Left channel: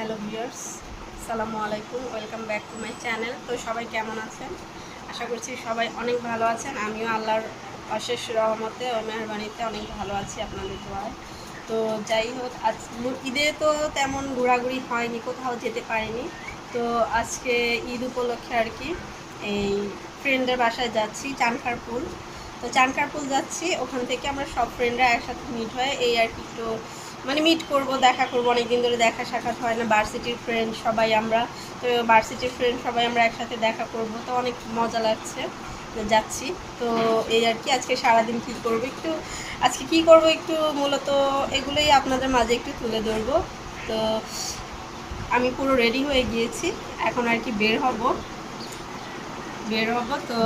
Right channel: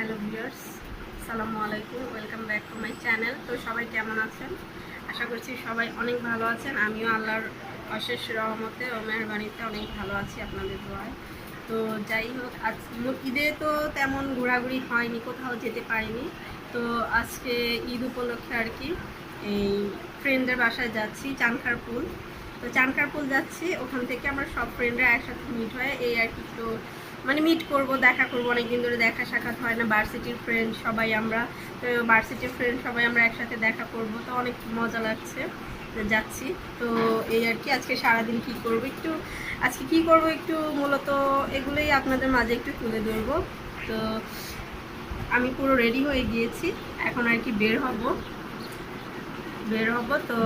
Hello viewers, আসসালামু আলাইকুম। Welcome back to my channel. তো সবাই কেমন আছেন? আশা করছি সবাই অনেক ভালো আছেন। আমিও আল্লাহর অশেষ রহমতে ও মেহরবানিতে অনেক ভালো আছি আপনাদের দোয়ায়। তো যাই হোক, আজ ঈদে তো তেমন ঘোরাঘুরি হয়নি, কোথাও যেতে পারিনি। তো আজকে ঈদ উপলক্ষে আর কি এই ফ্রেন্ডের বাসায় যাচ্ছি, চানখারপুল। তো চানখারপুল যাচ্ছি, ওখান থেকে আমরা সব ফ্রেন্ডরা একসাথে মিট হয়, এই আর কি একটু মানে মিট করব, দেখা করব। অনেকদিন ধরে দেখা সাক্ষাৎ হয় না, ভার্সিটির ফ্রেন্ড সবাই আমরা। তো ভার্সিটির ফ্রেন্ড সবাই আমরা একসাথে দেখা করব, তো অনেক মজা লাগছে যাচ্ছি। তো এই আর কি, আজকে সারাদিন কী করবো একটু, আজকে কী করবো একটু মূলত এগুলোই আপনাদের মাঝে একটু তুলে ধরবো। তো আমি পুরো রেডি হয়ে গিয়েছি, এখন আর কি বের হব। তো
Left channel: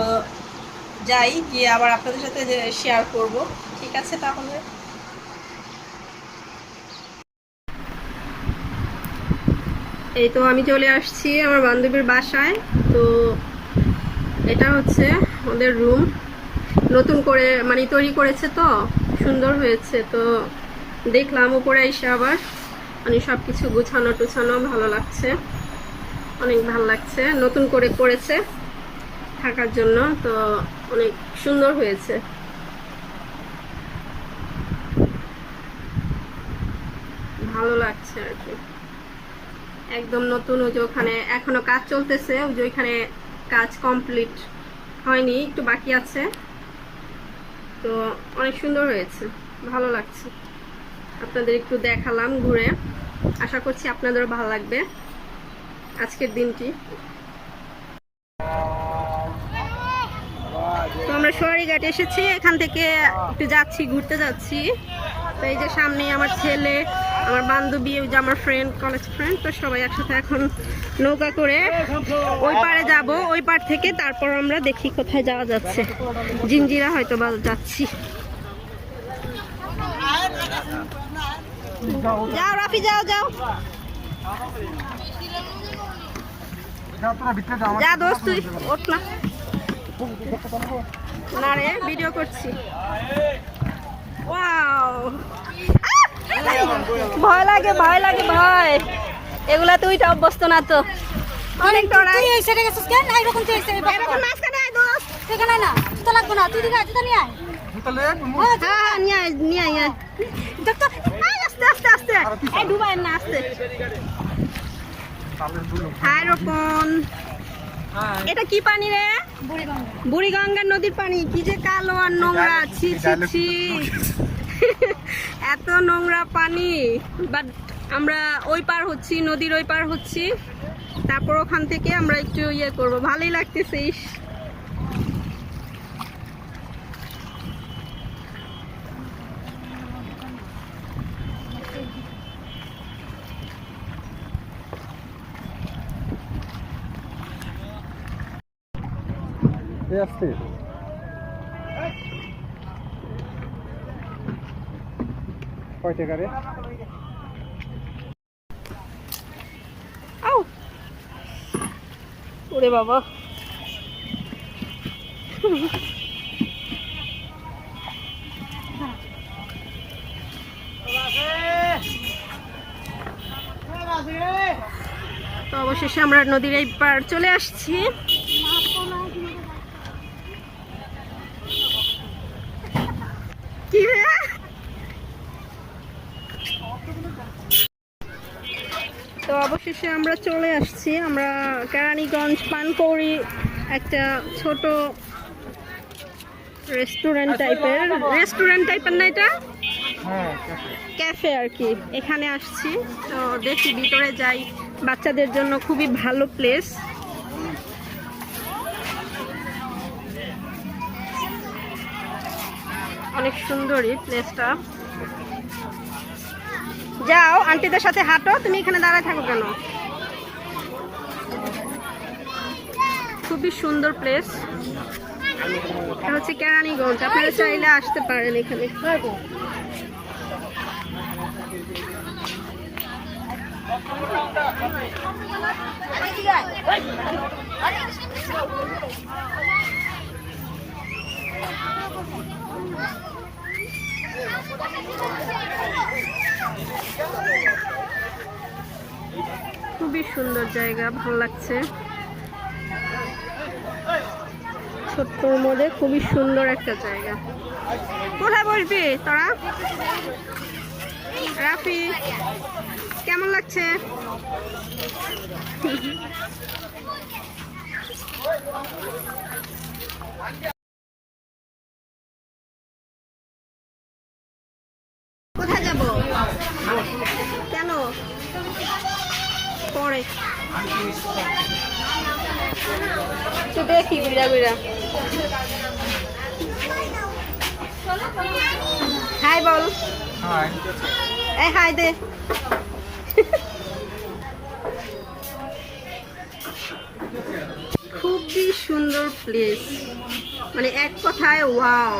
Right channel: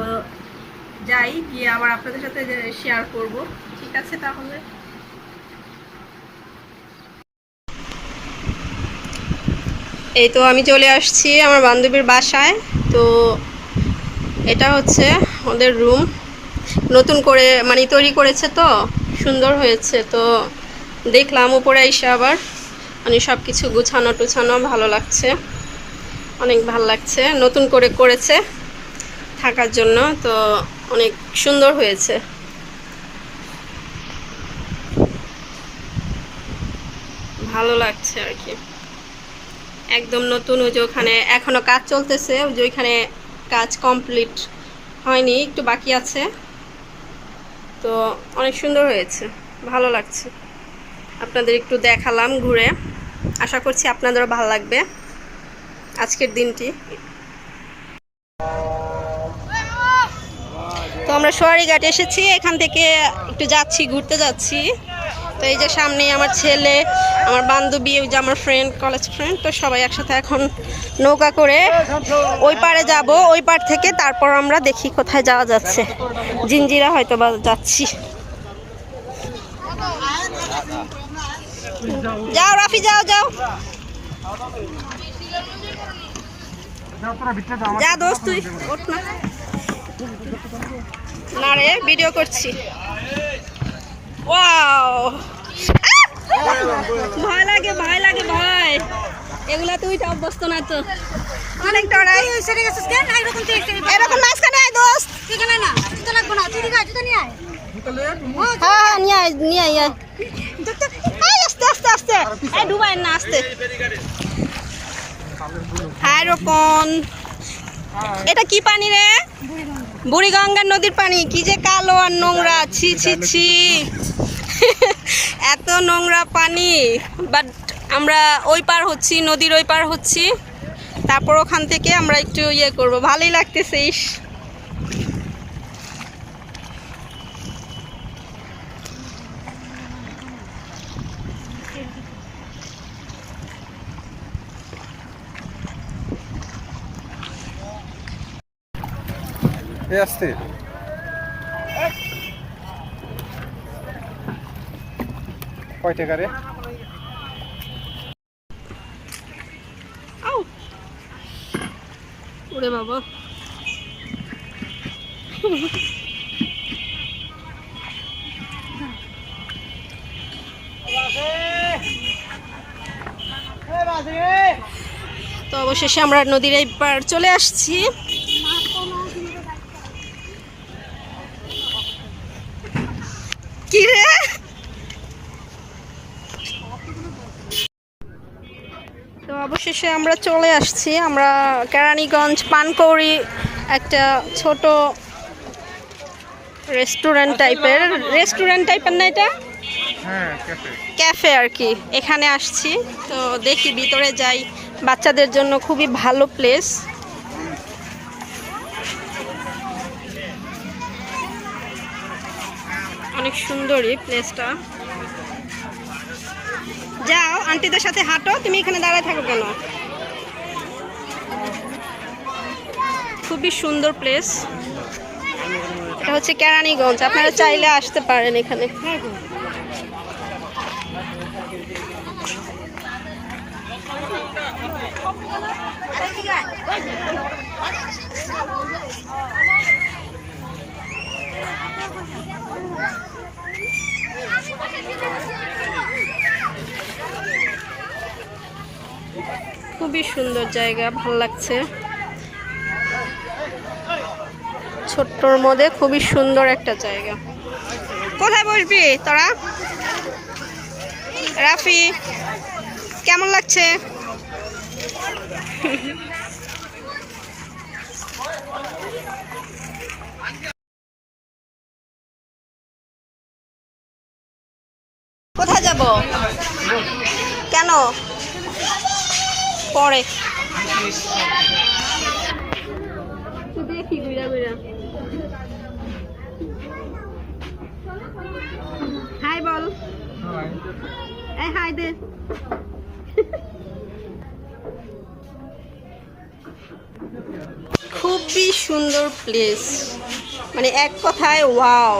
যাই, গিয়ে আবার আপনাদের সাথে শেয়ার করব। ঠিক আছে, তাহলে এই তো আমি চলে আসছি আমার বান্ধবীর বাসায়। তো এটা হচ্ছে ওদের রুম, নতুন করে মানে তৈরি করেছে, তো সুন্দর হয়েছে। তো দেখলাম উপরে এসে আবার মানে সব কিছু গুছানো টুছানো, ভালো লাগছে, অনেক ভালো লাগছে। নতুন করে করেছে থাকার জন্য, তো অনেক সুন্দর হয়েছে, ভালো লাগছে আর কি, একদম নতুন। ওই যে ওখানে এখনো কাজ চলতেছে, ওই যে ওইখানে কাজ কমপ্লিট হয়নি, একটু বাকি আছে। তো অনেক সুন্দর হয়েছে, ভালো লাগছে। আপনাদের একটু দেখালাম ঘুরে, আশা করছি আপনাদেরও ভালো লাগবে আজকের দিনটি। তো আমরা সোয়ারিঘাট এসেছি, এখান থেকে একটু যাচ্ছি, ঘুরতে যাচ্ছি। তো এই যে সামনে আমার ছেলে, আমার বান্ধবী, ওই যে আমার ফ্রেন্ড, কলেজ ফ্রেন্ড, তো সবাই একসাথে এখন নৌকা করে ওই পারে যাব। ওই পার থেকে তারপর আমরা দেখি কোথায় যাওয়া যাচ্ছে, জিঞ্জিরা হয়তো বা যাচ্ছি। যাও রাফি, যাও যাও, যা দোস্ত, তুই ওঠ না। না রে, ভিডিও করছি। ওয়াও, ভয় লাগে ভয় লাগে ভয়, এগুলা তুই তো অভ্যস্ত না, তো অনেক ডরাই। এরকম মাঝখানে আয় দোস্ত, এখানে না জুতো লাগবে না, তুই জুতো নিয়ে আয়। হ্যাঁ নিয়ে আয়, নিয়ে আয়, আস্তে আস্তে আস্তে, এই ডুবাই না, আস্তে। হাই রোপন, এটা কি পানি রে? বুড়িগঙ্গা নদীর পানি। কি যে কালো আর নোংরা, ছি ছি ছি, এত নোংরা পানি। বাট আমরা ওই পার হচ্ছি, নদীর ওই পার হচ্ছি, তারপর ওখান থেকে আমরা একটু ইয়ে করবো, ভালোই লাগতেছে। ইস, আসতে কয় টাকা রে? ওরে বাবা, তো অবশেষে আমরা নদীর এই পার চলে আসছি। কি রে? তো অবশেষে আমরা চলে আসছি, আমরা কেরানীগঞ্জ পানকৌড়ি, একটা ছোট রেস্টুরেন্ট টাইপের না এটা? হ্যাঁ, ক্যাফে আর কি, এখানে আসছি। তো দেখি ভিতরে যাই, বাচ্চাদের জন্য খুবই ভালো প্লেস। অনেক সুন্দরই প্লেসটা। যাও আন্টিদের সাথে হাঁটো, তুমি এখানে দাঁড়ায় থাকো কেন? খুবই সুন্দর প্লেস। এটা হচ্ছে কেরানীগঞ্জ, আপনারা চাইলে আসতে পারেন এখানে। খুবই সুন্দর জায়গা, ভালো লাগছে। ছোট্টর মধ্যে খুবই সুন্দর একটা জায়গা। কোথায় বসবি তোরা? রাফি, কেমন লাগছে? কোথায় যাব? কেন পরে তো দেখি বিড়া বিড়া। হাই বল। এই হাই দে। খুবই সুন্দর প্লেস, মানে এক কথায় ওয়াও।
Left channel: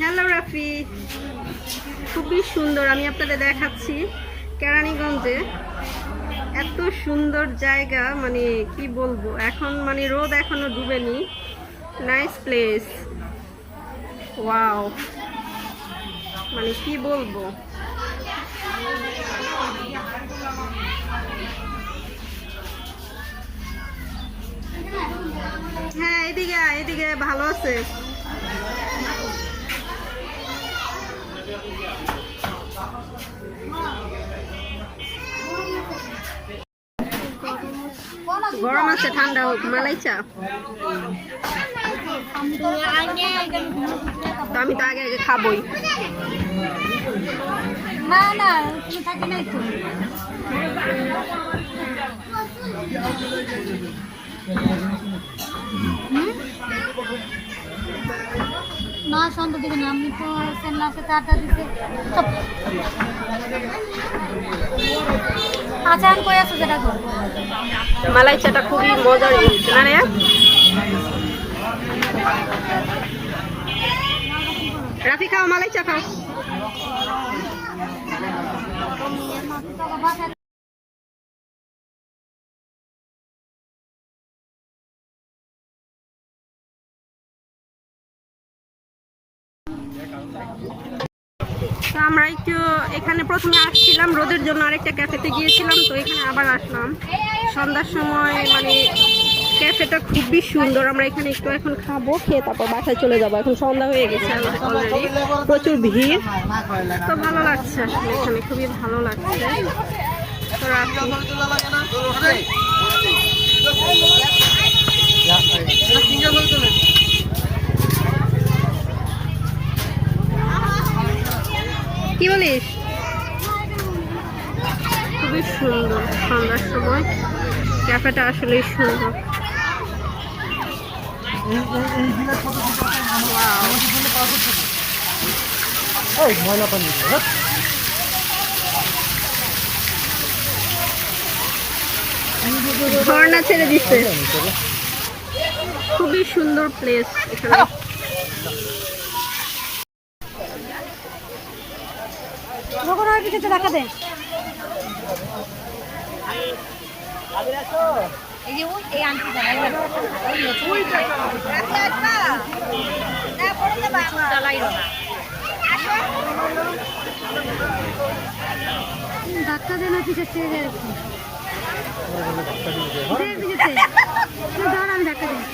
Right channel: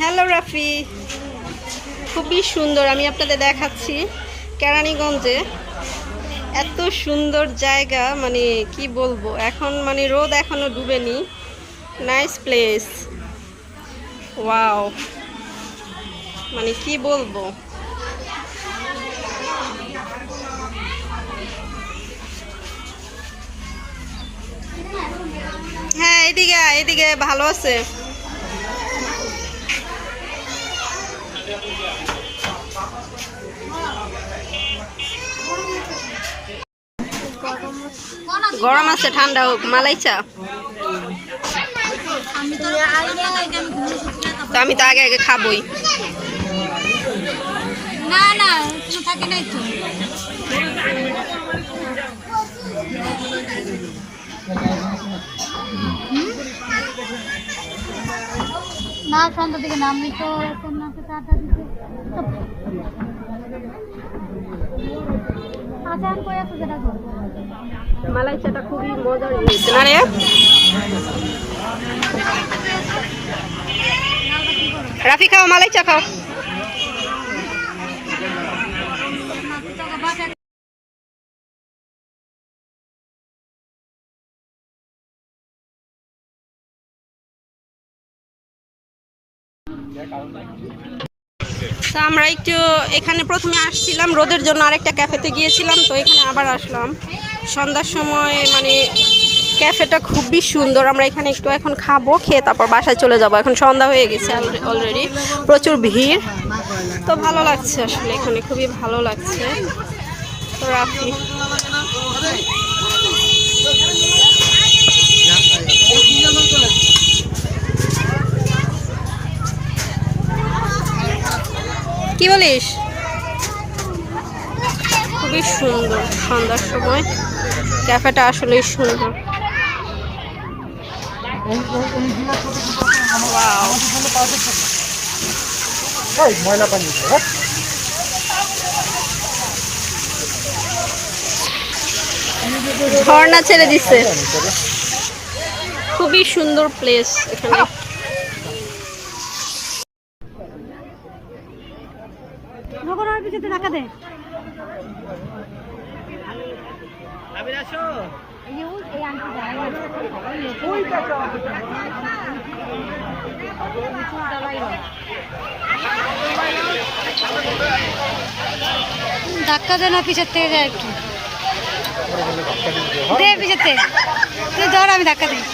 হ্যালো রাফি, খুবই সুন্দর। আমি আপনাদের দেখাচ্ছি কেরানীগঞ্জে এত সুন্দর জায়গা, মানে কি বলবো। এখন মানে রোদ এখনো ডুবেনি। নাইস প্লেস, ওয়াও, মানে কি বলবো। হ্যাঁ এদিকে এদিকে ভালো আছে। গরম আছে ঠান্ডা হোক, মালাই চা। তো আমি তো আগে আগে খাবই। না না থাকে নাই তো। না সন্ধ্যা দিকে নামনি তো নাচে চাটা দিতে। আচার কই আছে যেটা করবো। মালাই চাটা খুবই মজার হয়েছে না রে? রাফি খাও, মালাই চা খাও। তো আমরা একটু এখানে প্রথমে আসছিলাম রোদের জন্য, আরেকটা ক্যাফেতে গিয়েছিলাম, তো এখানে আবার আসলাম সন্ধ্যার সময়। মানে ক্যাফেটা খুবই সুন্দর। আমরা এখানে একটু এখন খাবো, খেয়ে তারপর বাসায় চলে যাব। এখন সন্ধ্যা হয়ে গেছে অলরেডি, প্রচুর ভিড়। তো ভালো লাগছে আসলে, এখানে খুবই ভালো লাগছে। তো রাখি কি বলিস? খুবই সুন্দর সন্ধ্যার সময় ক্যাফেটা, আসলেই সুন্দর। ওয়াও, ঝর্ণা ছেড়ে দিচ্ছে। খুবই সুন্দর প্লেস এখানে। দেখা দে ধাক্কা দে না, পিছের থেকে যায় একটু দে, পিছের থেকে তুই ধর, আমি ধাক্কা দিই।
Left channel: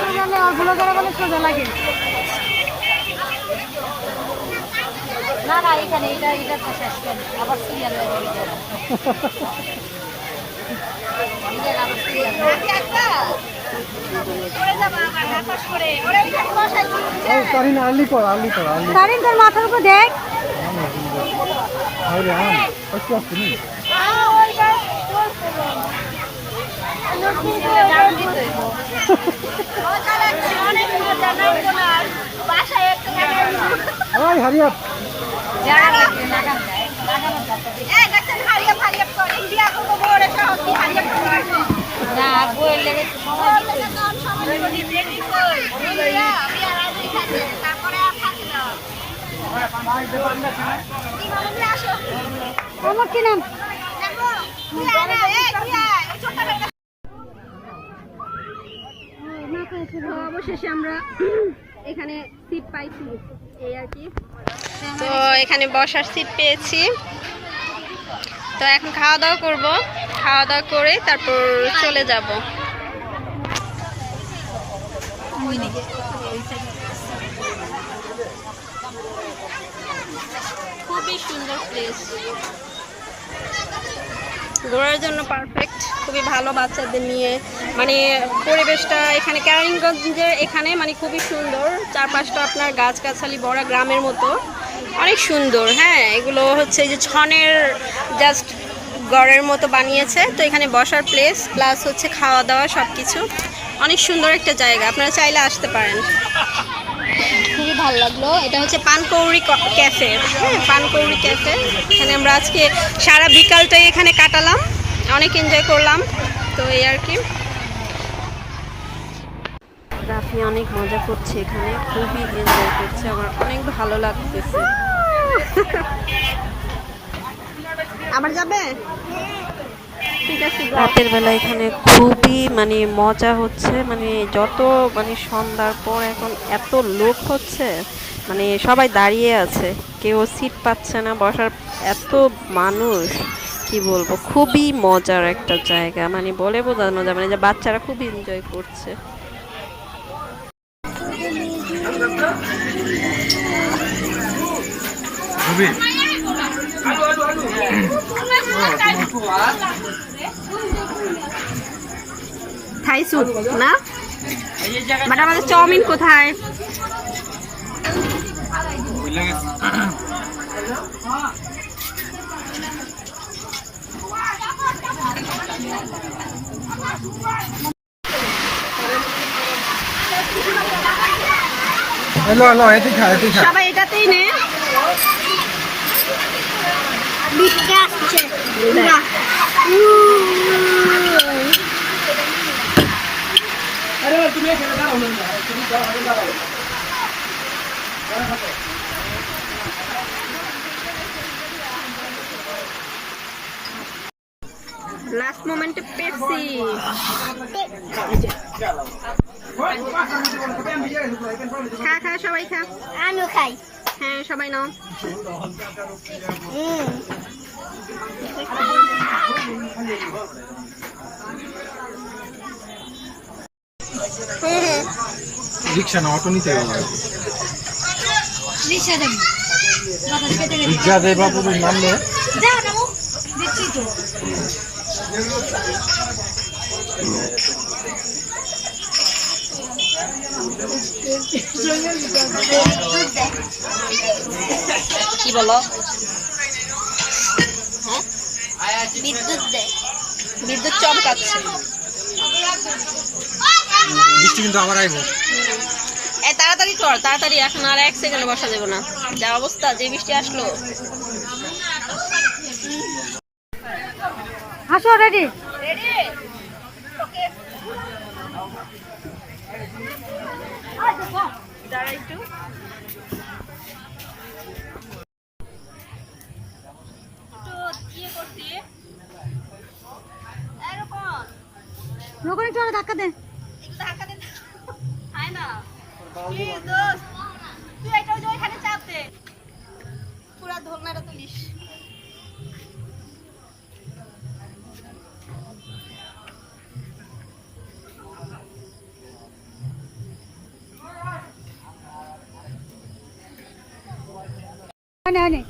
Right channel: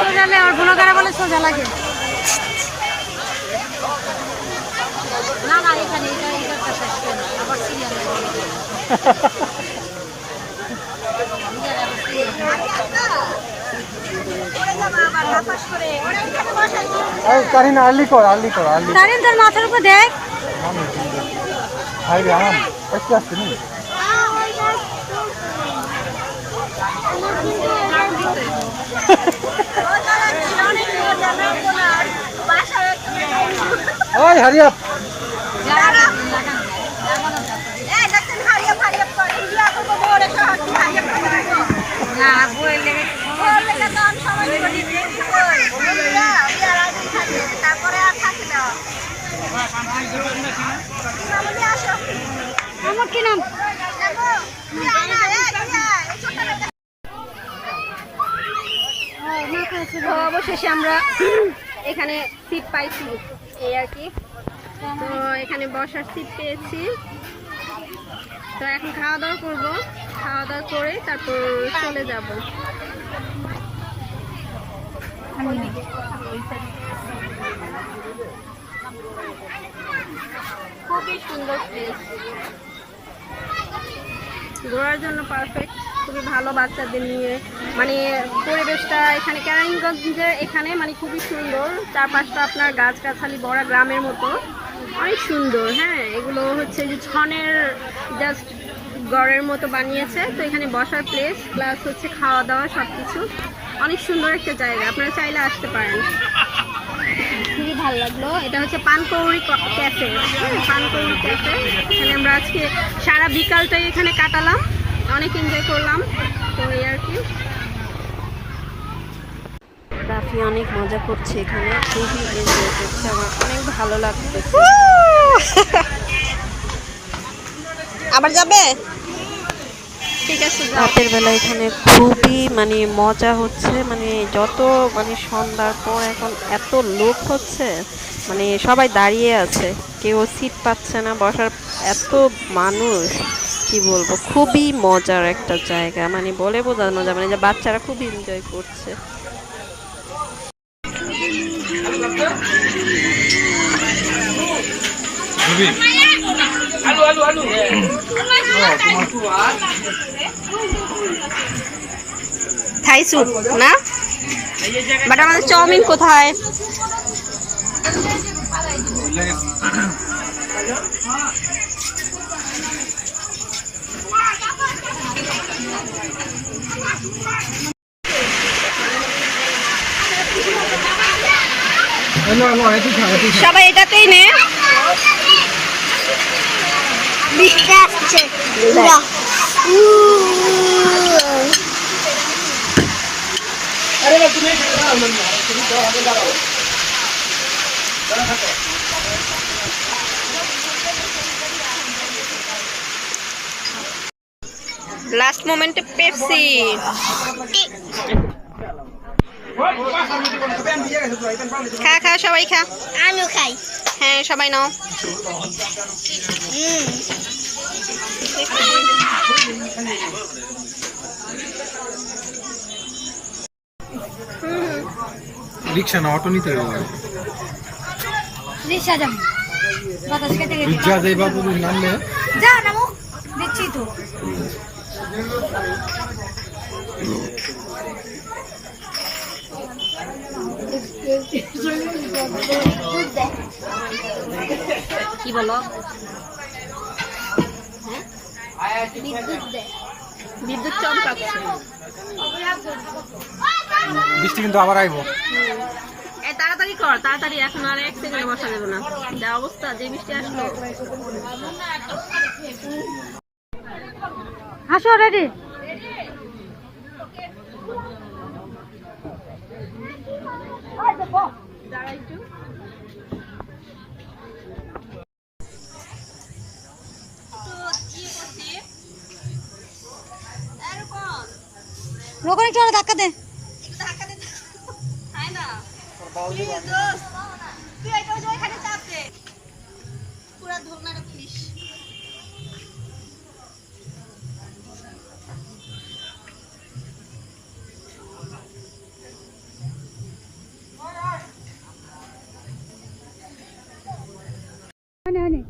সোজালে আর ব্লগারে বলে সোজা লাগে না। না এখানে এটা শেষ করে আবার সিরিয়াল তারিন, তোর মাথার উপর দেখ। আমার কি নাম? তো অবশেষে আমরা এখানে সিট পাইছি, এই আর কি। তো এখানে বসার সিট পেয়েছি। তো এখন খাওয়া দাওয়া করব, খাওয়া দাওয়া করে তারপর চলে যাব ওইদিকে। খুবই সুন্দর প্লেস, ঘোরার জন্য পারফেক্ট, খুবই ভালো বাচ্চাদের নিয়ে। মানে পরিবেশটা এখানে কেরানীগঞ্জের এখানে মানে খুবই সুন্দর, চারপাশটা আপনার গাছগাছালি ভরা গ্রামের মতো, অনেক সুন্দর। হ্যাঁ, এগুলো হচ্ছে এই যে ছনের জাস্ট ঘরের মতো বানিয়েছে। তো এখানে বসার প্লেস প্লাস হচ্ছে খাওয়া দাওয়া সব কিছু, অনেক সুন্দর একটা জায়গা, আপনারা চাইলে আসতে পারেন। খুবই ভালো লাগলো। এটা হচ্ছে পানকৌড়ি ক্যাফে। হ্যাঁ, পানকৌড়ি ক্যাফে। এখানে আমরা আজকে সারা বিকালটাই এখানে কাটালাম, অনেক এনজয় করলাম। তো এই আর কি, রাফি অনেক মজা করছে এখানে, খুবই এনজয় করছে, আমার অনেক ভালো লাগতেছে। আবার যাবে? ঠিক আছে। রাতের বেলা এখানে খুবই মানে মজা হচ্ছে, মানে যত মানে সন্ধ্যার পর এখন এত লোক হচ্ছে, মানে সবাই দাঁড়িয়ে আছে, কেউ সিট পাচ্ছে না বসার, এত মানুষ, কি বলবো, খুবই মজার একটা জায়গা, মানে বলে বোঝানো যাবে না যে বাচ্চারা খুব এনজয় করছে। থাই স্যুপ না, বাট আমাদের চাউমিন কোথায়? সবাই এটাতেই নে। লাস্ট মোমেন্টে পেপসি। খা খা, সবাই খা। আমিও খাই। হ্যাঁ, সবাই নাও। রিক্সা না, অটো নিতে হবে। রিক্সা যাবো, রিক্সা দেয় বাবু, নামলে যা নামো, দিচ্ছি তো। কি বলো? হ্যাঁ, বিদ্যুৎ দেয়, বিদ্যুৎ চমকাচ্ছে। বৃষ্টি কিন্তু আবার আইব। তাড়াতাড়ি কর, তাড়াতাড়ি, এখন আর 1 সেকেন্ড বসা যাবে না, যা অবস্থা, যে বৃষ্টি আসলো। আসো, রেডি? লোক একটু ধাক্কা দে, ধাক্কা দে, আয় না প্লিজ দোস্ত, তুই এটা ওই যে ওইখানে চাপ দে, পুরা ধরনাটা তুলিস। রেডি?